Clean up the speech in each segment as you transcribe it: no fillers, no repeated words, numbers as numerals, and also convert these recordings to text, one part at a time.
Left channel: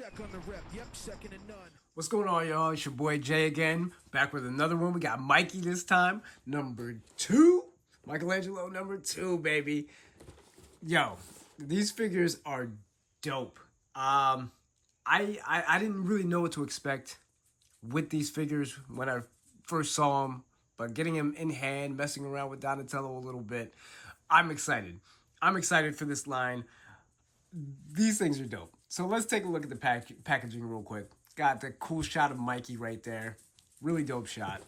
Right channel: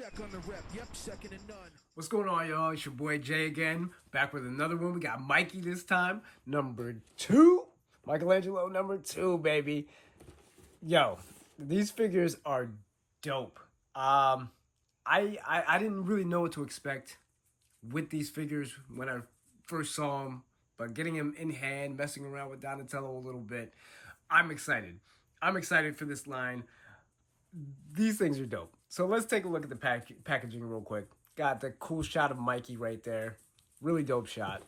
check on the rep. Yep, second and none. What's going on, y'all? It's your boy Jay again, back with another one. We got Mikey this time, number 2. Michelangelo number 2, baby. Yo, these figures are dope. I didn't really know what to expect with these figures when I first saw them, but getting them in hand, messing around with Donatello a little bit, I'm excited. I'm excited for this line. These things are dope. So let's take a look at the packaging real quick. Got the cool shot of Mikey right there. Really dope shot.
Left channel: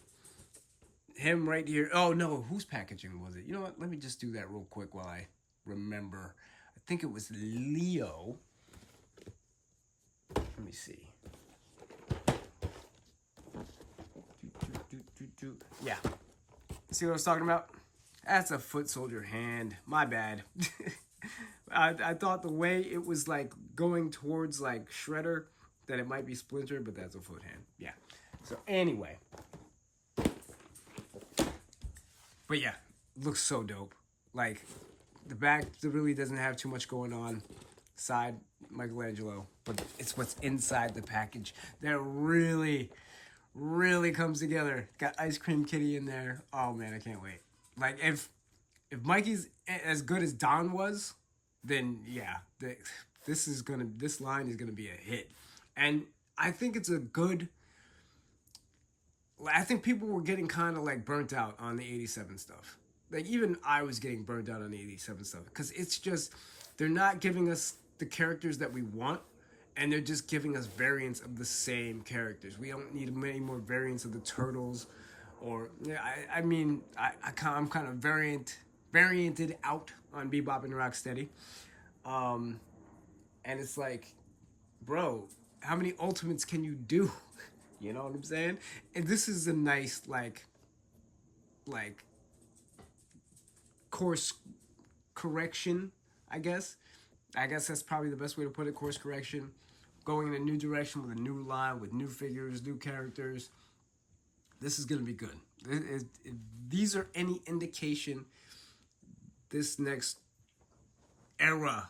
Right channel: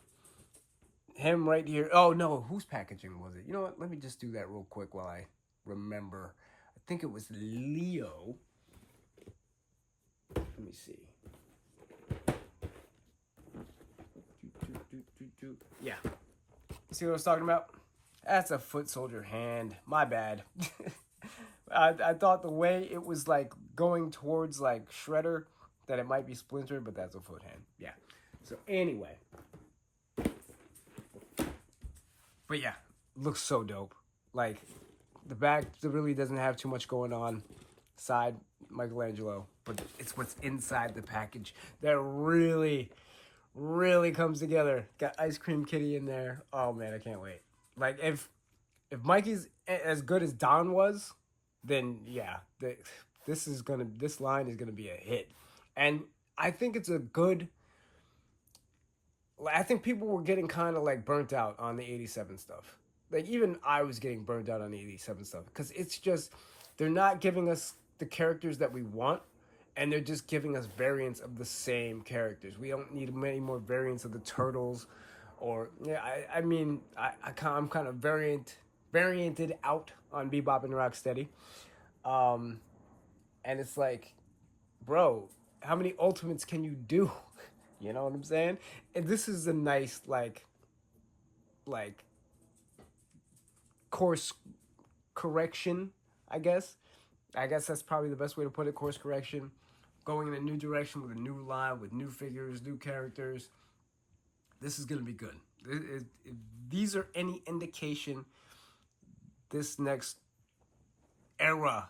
Him right here. Oh, no. Whose packaging was it? You know what? Let me just do that real quick while I remember. I think it was Leo. Let me see. Yeah. See what I was talking about? That's a foot soldier hand. My bad. I thought the way it was like going towards like Shredder that it might be Splinter, but that's a foot hand. Yeah. So anyway. But yeah, looks so dope. Like the back really doesn't have too much going on. Side Michelangelo, but it's what's inside the package that really comes together. Got Ice Cream Kitty in there. Oh man, I can't wait. Like if Mikey's as good as Don was, then yeah, this line is gonna be a hit. And I think it's a good. I think people were getting kind of like burnt out on the 87 stuff. Like even I was getting burnt out on the 87 stuff because it's just they're not giving us the characters that we want, and they're just giving us variants of the same characters. We don't need many more variants of the Turtles, or yeah, I'm kind of varianted out on Bebop and Rocksteady, and it's like, bro, how many Ultimates can you do? You know what I'm saying? And this is a nice like course correction, I guess. I guess that's probably the best way to put it, course correction. Going in a new direction with a new line, with new figures, new characters. This is going to be good. If these are any indication, this next era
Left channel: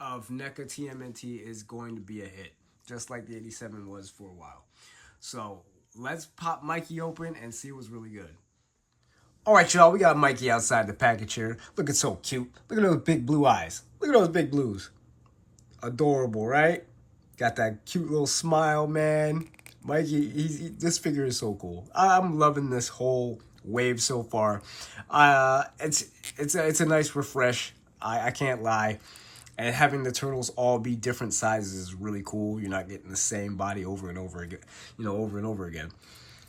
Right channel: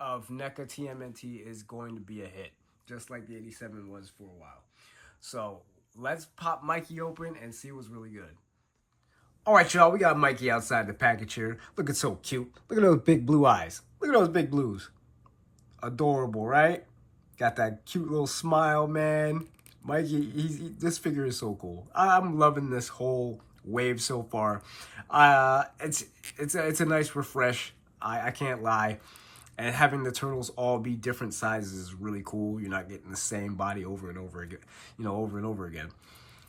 of Neca Tmnt is going to be a hit, just like the 87 was for a while. So let's pop Mikey open and see what's really good. All right, y'all, we got Mikey outside the package here. Looking so cute. Look at those big blue eyes. Look at those big blues. Adorable, right? Got that cute little smile, man. Mikey, this figure is so cool. I'm loving this whole wave so far. It's a nice refresh. I can't lie. And having the Turtles all be different sizes is really cool. You're not getting the same body over and over again, over and over again.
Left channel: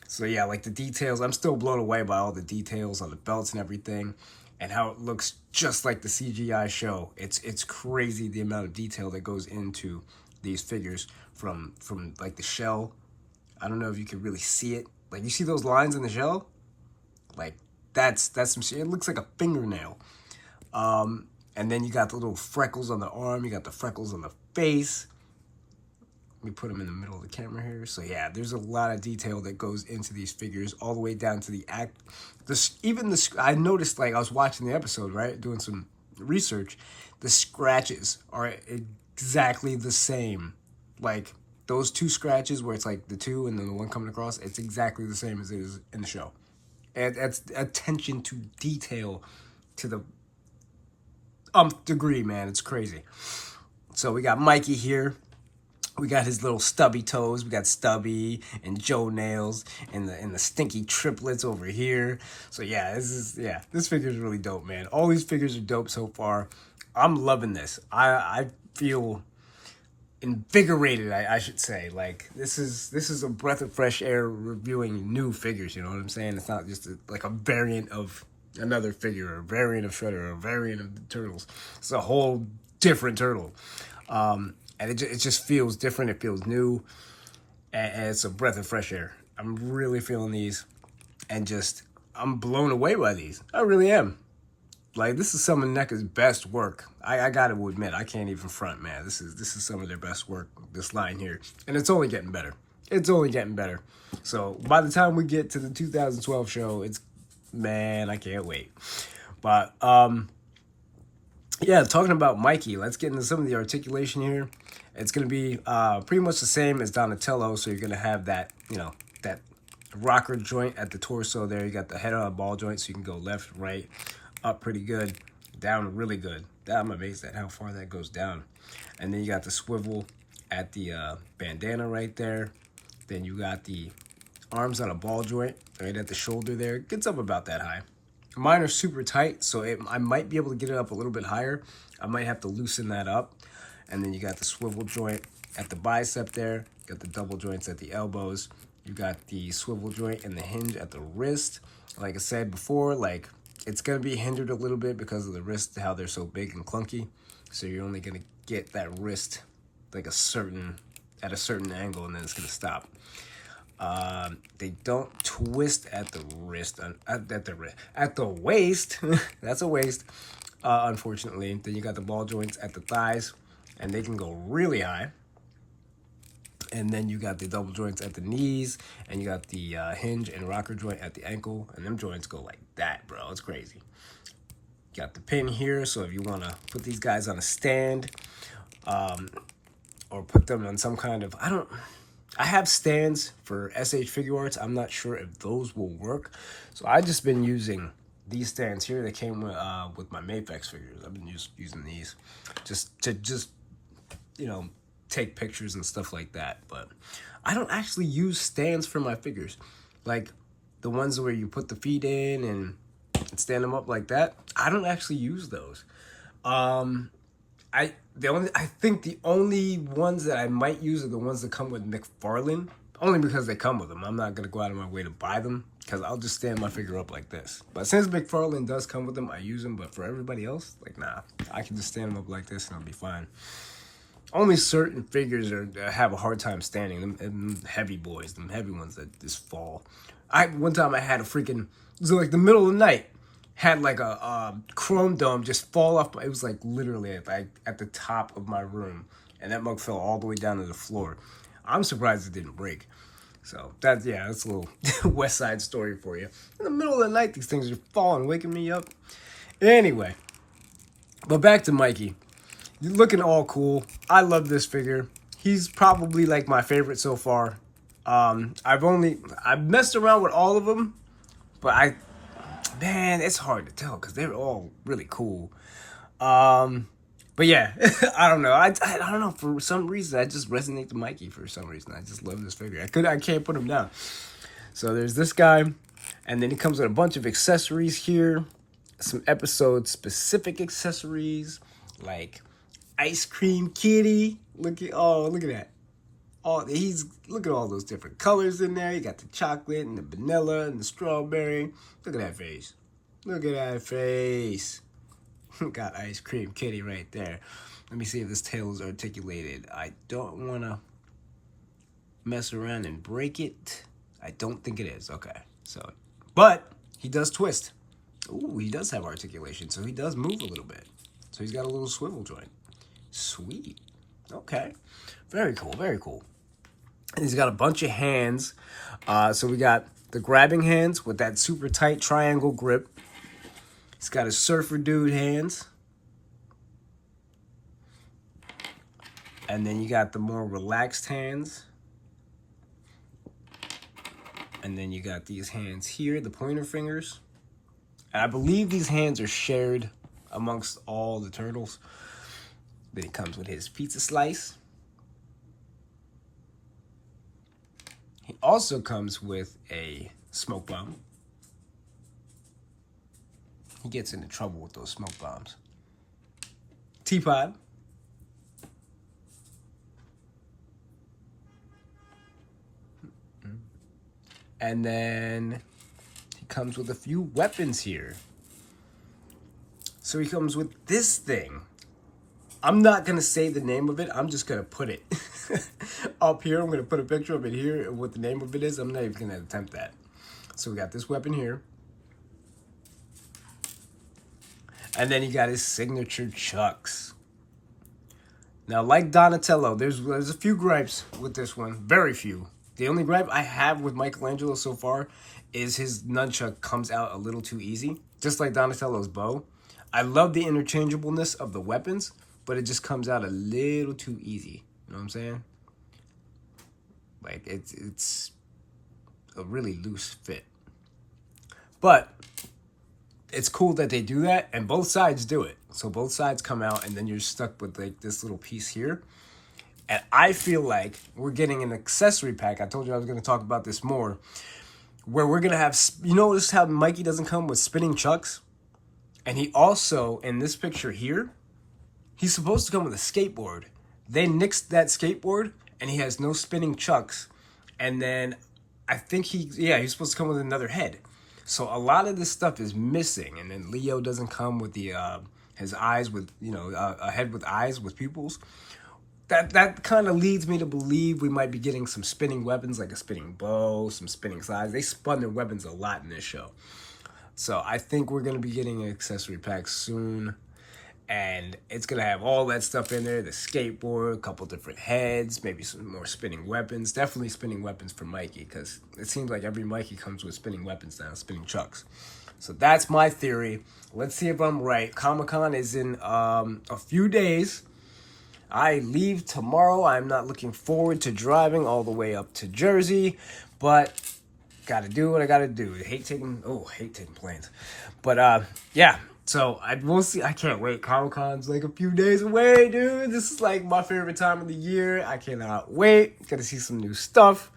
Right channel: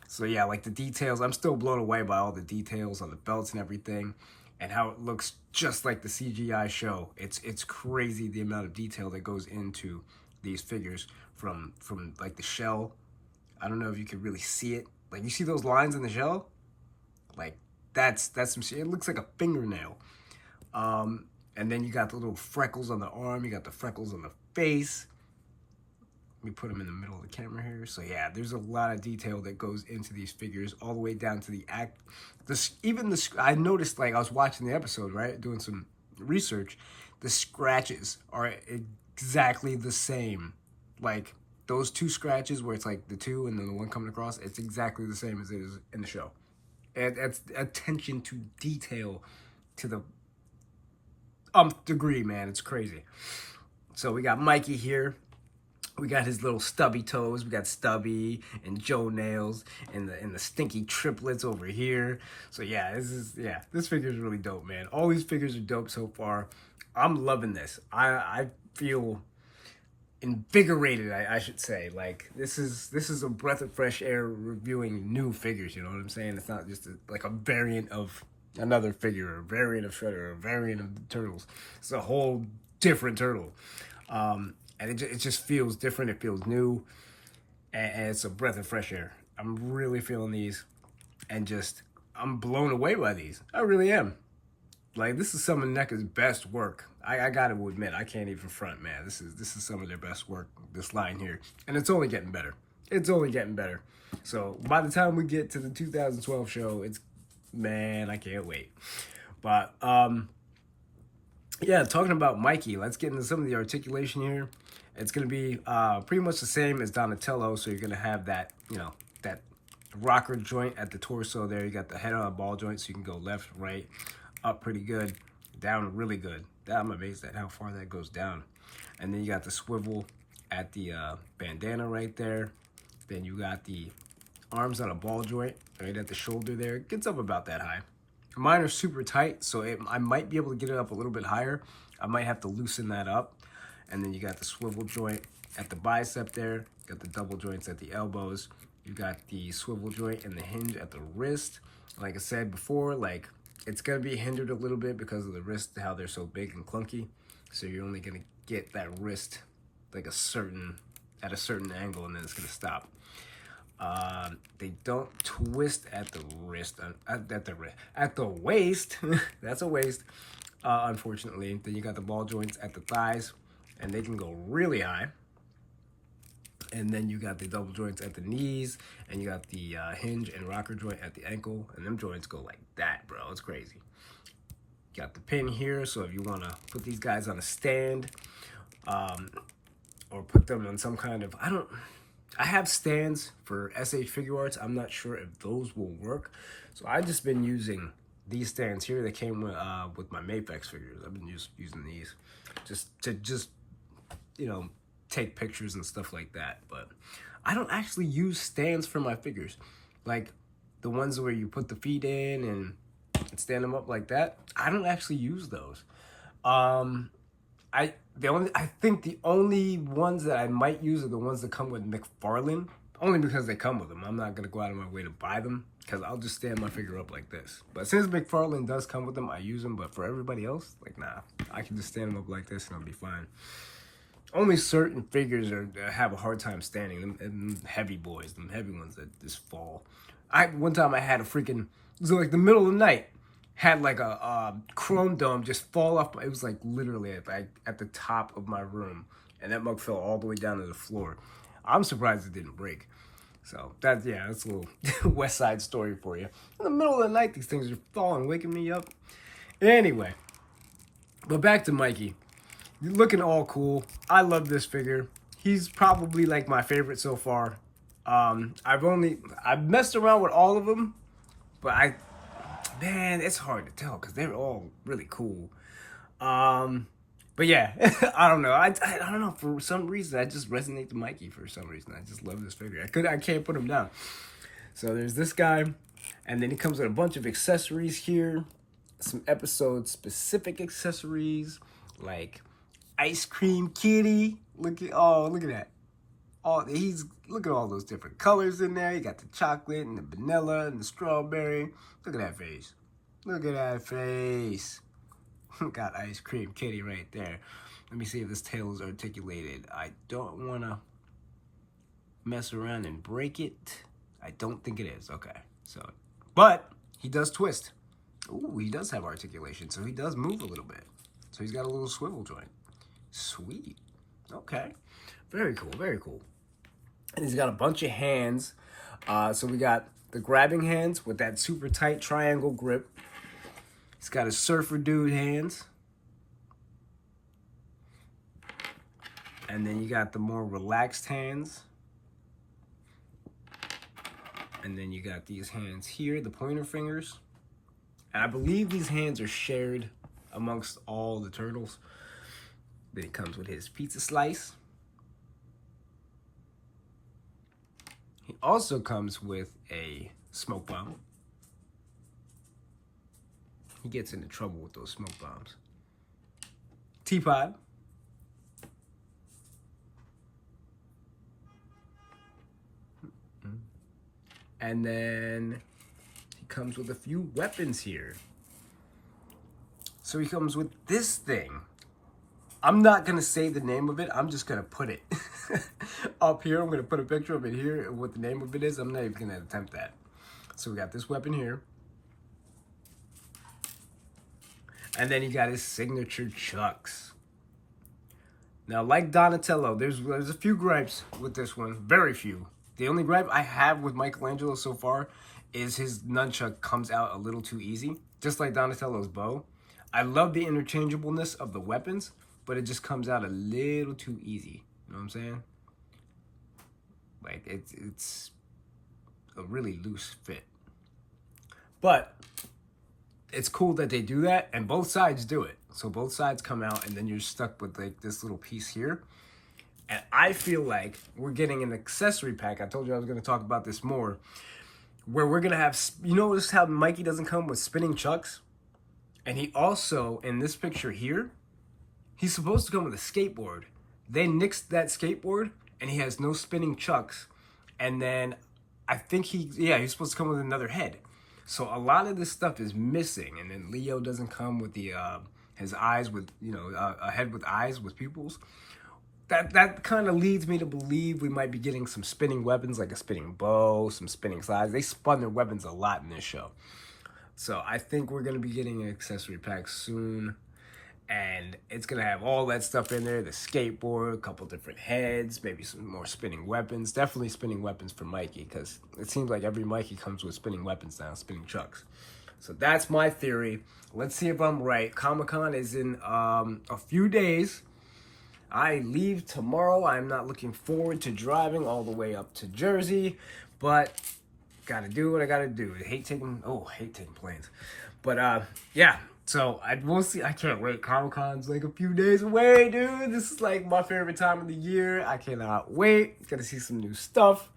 So yeah, like the details, I'm still blown away by all the details on the belts and everything, and how it looks just like the CGI show. It's crazy the amount of detail that goes into these figures from like the shell. I don't know if you can really see it. Like you see those lines in the shell? Like that's some shit. It looks like a fingernail. And then you got the little freckles on the arm. You got the freckles on the face. Let me put them in the middle of the camera here. So yeah, there's a lot of detail that goes into these figures, all the way down to the act. I noticed, like I was watching the episode, right, doing some research. The scratches are exactly the same. Like those two scratches where it's like the two and then the one coming across, it's exactly the same as it is in the show. And that's attention to detail to the degree, man. It's crazy. So we got Mikey here. We got his little stubby toes. We got Stubby and Joe Nails and the stinky triplets over here. So yeah, this figure is really dope, man. All these figures are dope so far. I'm loving this. I feel invigorated, I should say. Like this is a breath of fresh air reviewing new figures. You know what I'm saying? It's not just like a variant of another figure, or a variant of Shredder, or a variant of the Turtles. It's a whole different turtle. And it just feels different. It feels new. And it's a breath of fresh air. I'm really feeling these. And I'm blown away by these. I really am. Like, this is some of NECA's best work. I got to admit, I can't even front, man. This is some of their best work, this line here. And it's only getting better. It's only getting better. So, by the time we get to the 2012 show, man, I can't wait. But, yeah, talking about Mikey, let's get into some of the articulation here. It's going to be pretty much the same as Donatello. So you're going to have that, that rocker joint at the torso there. You got the head on a ball joint, so you can go left, right, up pretty good, down really good. I'm amazed at how far that goes down. And then you got the swivel at the bandana right there. Then you got the arms on a ball joint right at the shoulder there. It gets up about that high. Mine are super tight, so I might be able to get it up a little bit higher. I might have to loosen that up. And then you got the swivel joint at the bicep there. You got the double joints at the elbows. You got the swivel joint and the hinge at the wrist. Like I said before, like it's going to be hindered a little bit because of the wrist, how they're so big and clunky. So you're only going to get that wrist like at a certain angle, and then it's going to stop. They don't twist at the wrist, at the waist. That's a waist, unfortunately. Then you got the ball joints at the thighs, and they can go really high. And then you got the double joints at the knees, and you got the hinge and rocker joint at the ankle, and them joints go like that, bro. It's crazy. You got the pin here, so if you want to put these guys on a stand, or put them on some kind of, I have stands for SH Figure Arts. I'm not sure if those will work. So I've just been using these stands here. They came with my Maplex figures. I've been using these just to take pictures and stuff like that. But I don't actually use stands for my figures. Like the ones where you put the feet in and stand them up like that. I don't actually use those. I think the only ones that I might use are the ones that come with McFarlane, only because they come with them. I'm not gonna go out of my way to buy them because I'll just stand my figure up like this. But since McFarlane does come with them, I use them. But for everybody else, like nah, I can just stand them up like this and I'll be fine. Only certain figures have a hard time standing. Them heavy boys, them heavy ones that just fall. One time I had it was like the middle of the night. Had like a chrome dome just fall off. It was like literally at the top of my room, and that mug fell all the way down to the floor. I'm surprised it didn't break. So that's a little West Side Story for you. In the middle of the night, these things are falling, waking me up. Anyway, but back to Mikey. You're looking all cool. I love this figure. He's probably like my favorite so far. I've messed around with all of them, but man, it's hard to tell because they're all really cool. But yeah, I don't know. I don't know. For some reason, I just resonate to Mikey for some reason. I just love this figure. I can't put him down. So there's this guy, and then he comes with a bunch of accessories here. Some episode-specific accessories, like Ice Cream Kitty. Look at that. Look at all those different colors in there. You got the chocolate and the vanilla and the strawberry. Look at that face. Look at that face. Got Ice Cream Kitty right there. Let me see if this tail is articulated. I don't want to mess around and break it. I don't think it is. Okay. But he does twist. Ooh, he does have articulation, so he does move a little bit. So he's got a little swivel joint. Sweet. Okay. Very cool, very cool. And he's got a bunch of hands. So we got the grabbing hands with that super tight triangle grip. He's got his surfer dude hands. And then you got the more relaxed hands. And then you got these hands here, the pointer fingers. And I believe these hands are shared amongst all the turtles. Then he comes with his pizza slice. He also comes with a smoke bomb. He gets into trouble with those smoke bombs. Teapot. And then he comes with a few weapons here. So he comes with this thing. I'm not going to say the name of it. I'm just going to put it up here. I'm going to put a picture of it here and what the name of it is. I'm not even going to attempt that. So we got this weapon here. And then he got his signature chucks. Now, like Donatello, there's a few gripes with this one. Very few. The only gripe I have with Michelangelo so far is his nunchuck comes out a little too easy. Just like Donatello's bow. I love the interchangeableness of the weapons, but it just comes out a little too easy. You know what I'm saying? Like, it's a really loose fit. But it's cool that they do that, and both sides do it. So both sides come out, and then you're stuck with, like, this little piece here. And I feel like we're getting an accessory pack. I told you I was going to talk about this more. Where we're going to have, you notice how Mikey doesn't come with spinning chucks? And he also, in this picture here, he's supposed to come with a skateboard. They nixed that skateboard, and he has no spinning chucks. And then I think he's supposed to come with another head. So a lot of this stuff is missing. And then Leo doesn't come with the his eyes with, a head with eyes with pupils. That kind of leads me to believe we might be getting some spinning weapons, like a spinning bow, some spinning slides. They spun their weapons a lot in this show. So I think we're going to be getting an accessory pack soon. And it's going to have all that stuff in there. The skateboard, a couple different heads, maybe some more spinning weapons. Definitely spinning weapons for Mikey, because it seems like every Mikey comes with spinning weapons now, spinning chucks. So that's my theory. Let's see if I'm right. Comic-Con is in a few days. I leave tomorrow. I'm not looking forward to driving all the way up to Jersey, but gotta do what I gotta do. Hate taking planes. But yeah, so I can't wait. Comic-Con's like a few days away, dude. This is like my favorite time of the year. I cannot wait. Gotta see some new stuff.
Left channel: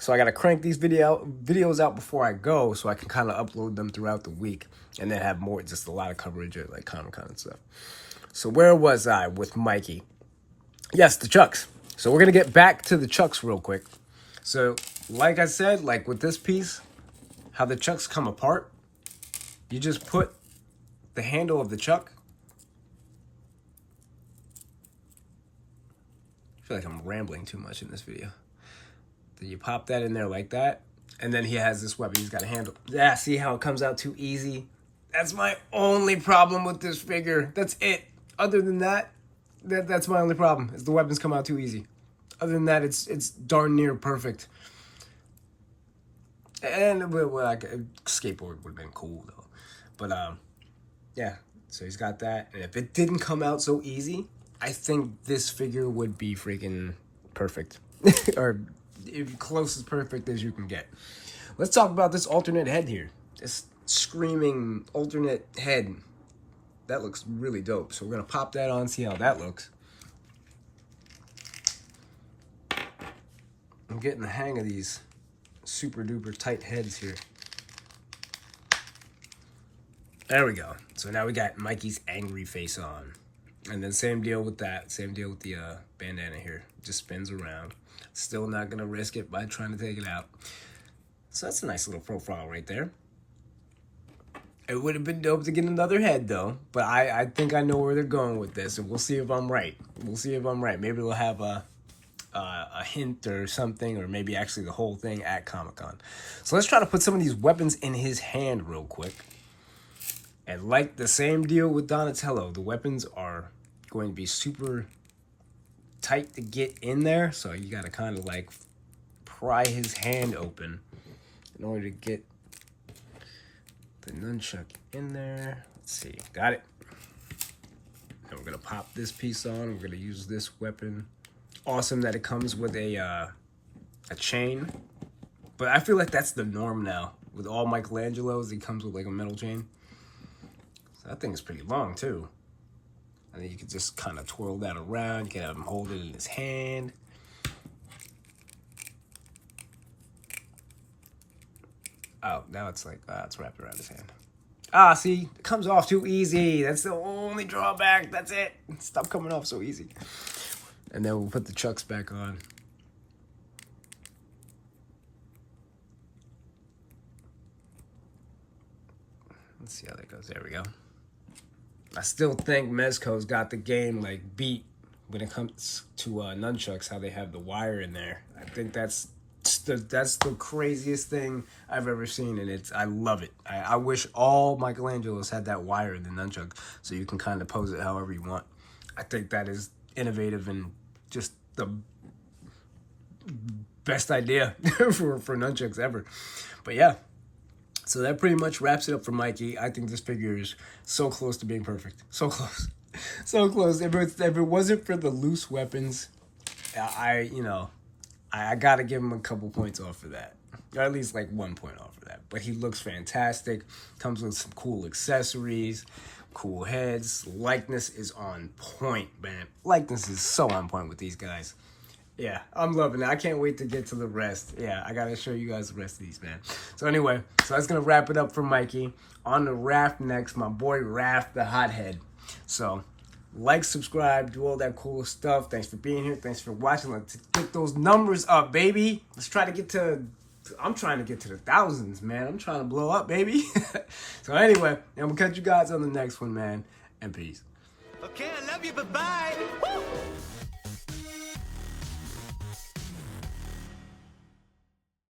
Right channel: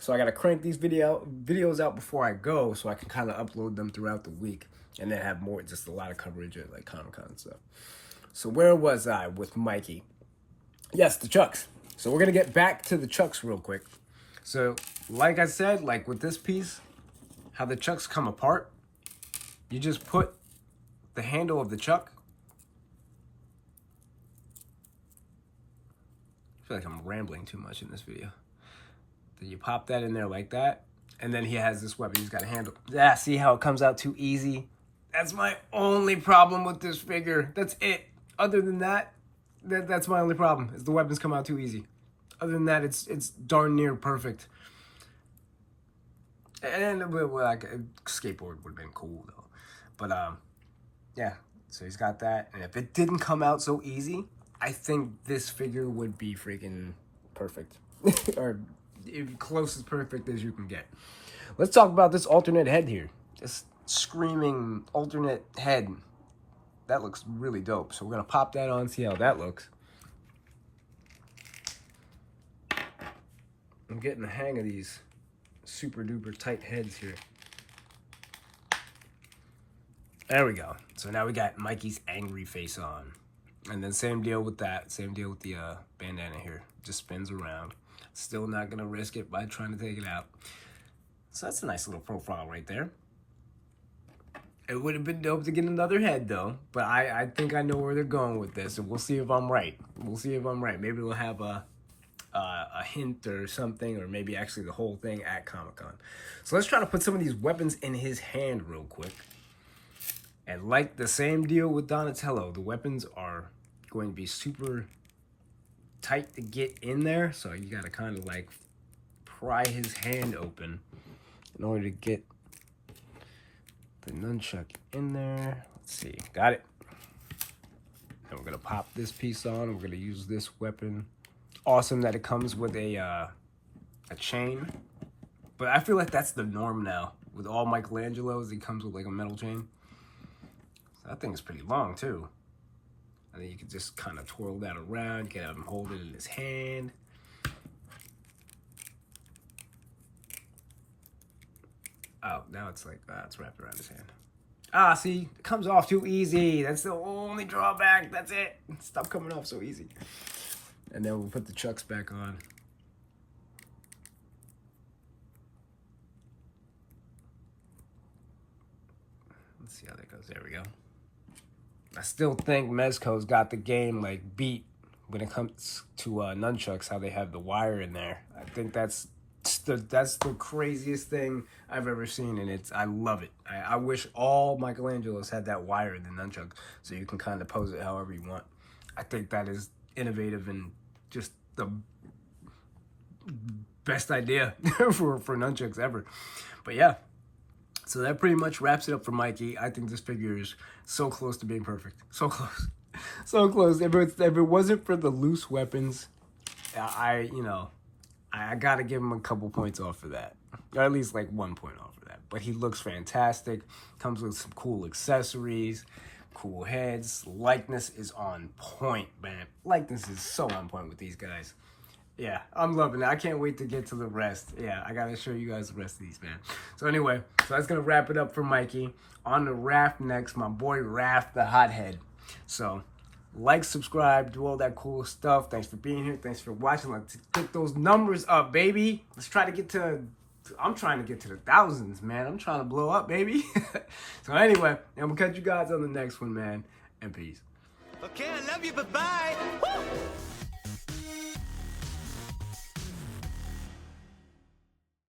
So I gotta crank these videos out before I go, so I can kind of upload them throughout the week and then have more, just a lot of coverage at like Comic-Con and stuff. So where was I with Mikey? Yes, the chucks. So we're going to get back to the chucks real quick. So like I said, like with this piece, how the chucks come apart, you just put the handle of the chuck. I feel like I'm rambling too much in this video. Then you pop that in there like that. And then he has this weapon. He's got a handle. Yeah, see how it comes out too easy? That's my only problem with this figure. That's it. Other than that, that's my only problem, is the weapons come out too easy. Other than that, it's darn near perfect. And like a skateboard would have been cool though. But yeah, so he's got that. And if it didn't come out so easy, I think this figure would be freaking perfect. Or close as perfect as you can get. Let's talk about this alternate head here. This screaming alternate head. That looks really dope. So we're going to pop that on, see how that looks. I'm getting the hang of these super duper tight heads here. There we go. So now we got Mikey's angry face on. And then same deal with that. Same deal with the bandana here. Just spins around. Still not going to risk it by trying to take it out. So that's a nice little profile right there. It would have been dope to get another head, though. But I think I know where they're going with this, and we'll see if I'm right. We'll see if I'm right. Maybe we'll have a hint or something, or maybe actually the whole thing at Comic-Con. So let's try to put some of these weapons in his hand real quick. And like the same deal with Donatello, the weapons are going to be super tight to get in there. So you got to kind of like pry his hand open in order to get the nunchuck in there. Let's see. Got it. And we're going to pop this piece on. We're going to use this weapon. Awesome that it comes with a chain. But I feel like that's the norm now. With all Michelangelos, he comes with like a metal chain. So that thing is pretty long too. And then you can just kind of twirl that around. You can have him hold it in his hand. Oh, now it's like, it's wrapped around his hand. Ah, see, it comes off too easy. That's the only drawback. That's it. Stop coming off so easy. And then we'll put the chucks back on. Let's see how that goes. There we go. I still think Mezco's got the game like beat when it comes to nunchucks, how they have the wire in there. I think that's the craziest thing I've ever seen, and I love it. I wish all Michelangelos had that wire in the nunchuck, so you can kind of pose it however you want. I think that is innovative and just the best idea for nunchucks ever. But yeah, so that pretty much wraps it up for Mikey. I think this figure is so close to being perfect. So close. So close. If it wasn't for the loose weapons, I gotta give him a couple points off of that. Or at least like 1 point off of that. But he looks fantastic. Comes with some cool accessories, cool heads. Likeness is on point, man. Likeness is so on point with these guys. Yeah, I'm loving it. I can't wait to get to the rest. Yeah, I gotta show you guys the rest of these, man. So anyway, so that's gonna wrap it up for Mikey. On the Raph next, my boy Raph the Hothead. So, like, subscribe, do all that cool stuff. Thanks for being here. Thanks for watching. Let's get those numbers up, baby. Let's try to get to... I'm trying to get to the thousands, man. I'm trying to blow up, baby. So anyway, and we'll catch you guys on the next one, man. And peace. Okay, I love you. Bye-bye. Woo!